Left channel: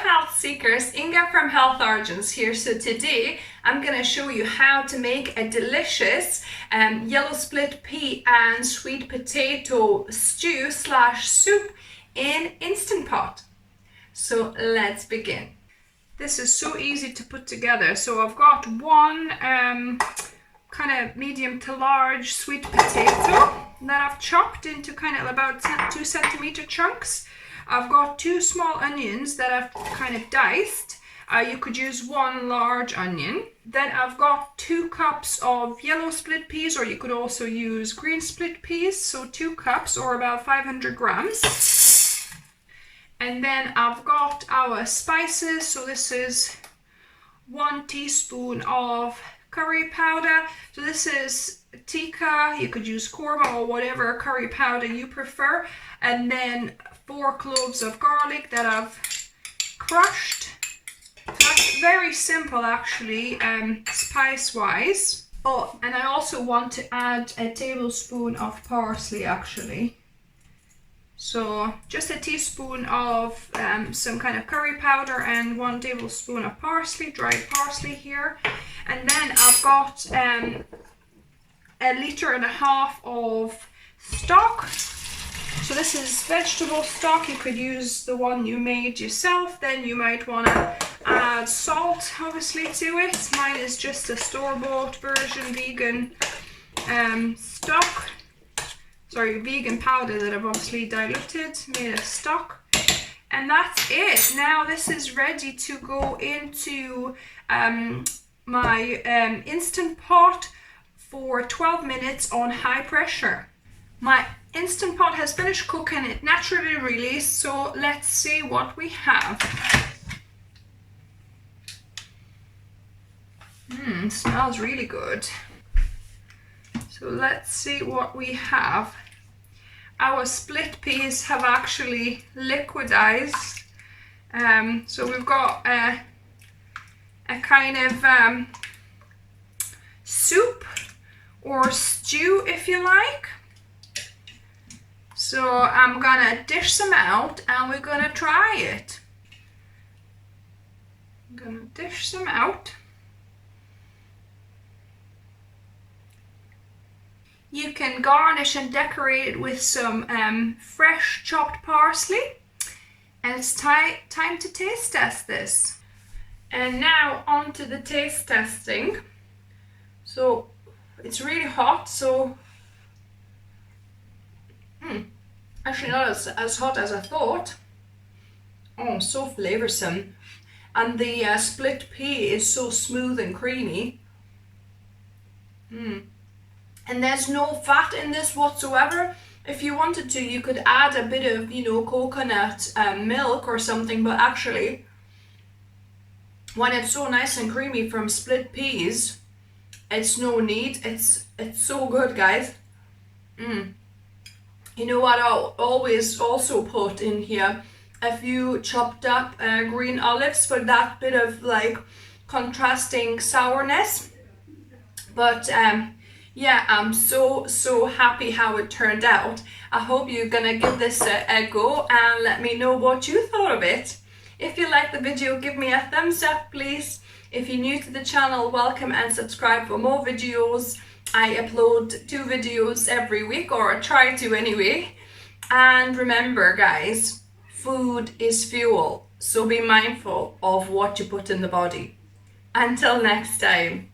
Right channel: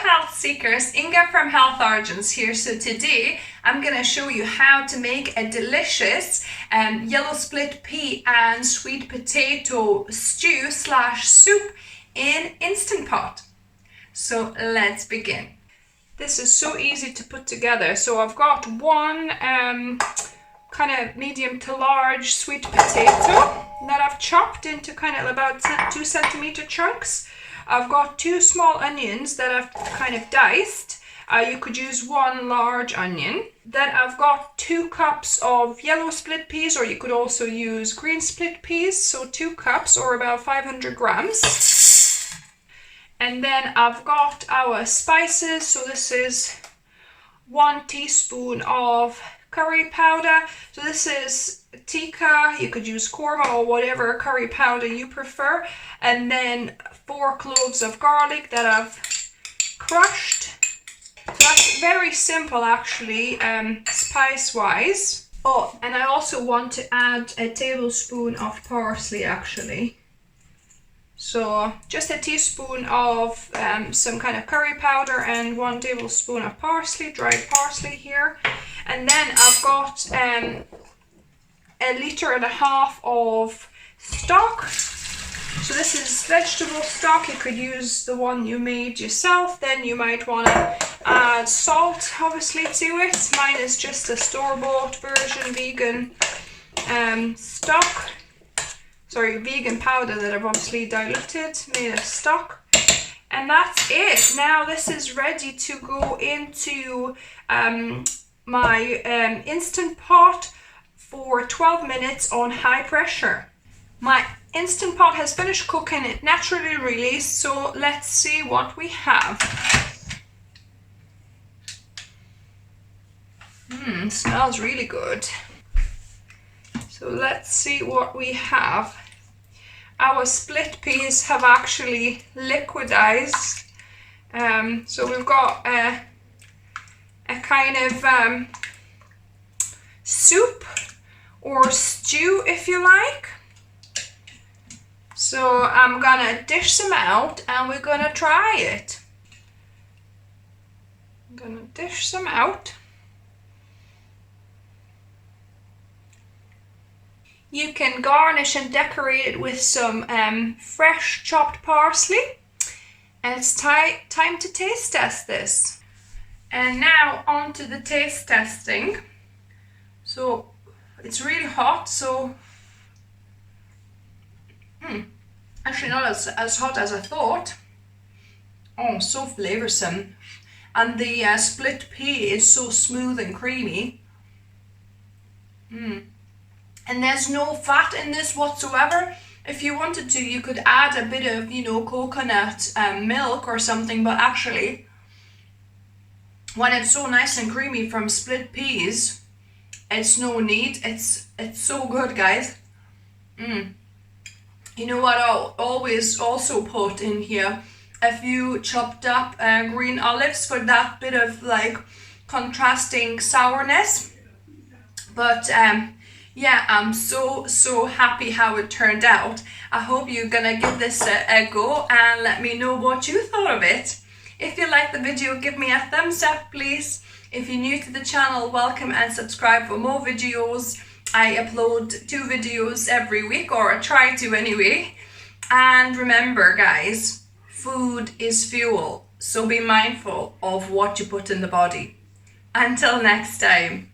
health seekers, Inga from Health Origins here. So today I'm going to show you how to make a delicious yellow split pea and sweet potato stew slash soup in Instant Pot. So let's begin. This is so easy to put together. So I've got one kind of medium to large sweet potato that I've chopped into kind of about 2 centimeter chunks. I've got 2 small onions that I've kind of diced. You could use 1 large onion. Then I've got 2 cups of yellow split peas, or you could also use green split peas. So 2 cups or about 500 grams. And then I've got our spices. So this is 1 teaspoon of curry powder. So this is tikka. You could use korma or whatever curry powder you prefer. And then 4 cloves of garlic that I've crushed. So that's very simple actually, spice wise. Oh, and I also want to add a tablespoon of parsley actually. So just a teaspoon of some kind of curry powder and 1 tablespoon of parsley, dried parsley here. And then I've got a 1.5 liters of stock. So this is vegetable stock. You could use the one you made yourself. Then you might want to add salt obviously to it. Mine is just a store-bought version vegan stock. Sorry, vegan powder that I've obviously diluted, made of stock. And that's it. Now this is ready to go into my Instant Pot for 12 minutes on high pressure. My Instant Pot has finished cooking, it naturally released, so let's see what we have. Smells really good. So let's see what we have. Our split peas have actually liquidized. So we've got a kind of soup or stew if you like. So I'm gonna dish some out and we're gonna try it. I'm gonna dish some out. You can garnish and decorate it with some fresh chopped parsley. And it's time to taste test this. And now on to the taste testing. So it's really hot, so actually not as hot as I thought. Oh, so flavoursome. And the split pea is so smooth and creamy. And there's no fat in this whatsoever. If you wanted to, you could add a bit of, coconut milk or something, but actually, when it's so nice and creamy from split peas, it's no need. It's so good, guys. You know what I'll always also put in here? A few chopped up green olives for that bit of like contrasting sourness. But yeah, I'm so happy how it turned out. I hope you're gonna give this a go and let me know what you thought of it. If you liked the video, give me a thumbs up please. If you're new to the channel, welcome and subscribe for more videos. I upload 2 videos every week, or I try to anyway. And remember guys, food is fuel, so be mindful of what you put in the body. Until next time.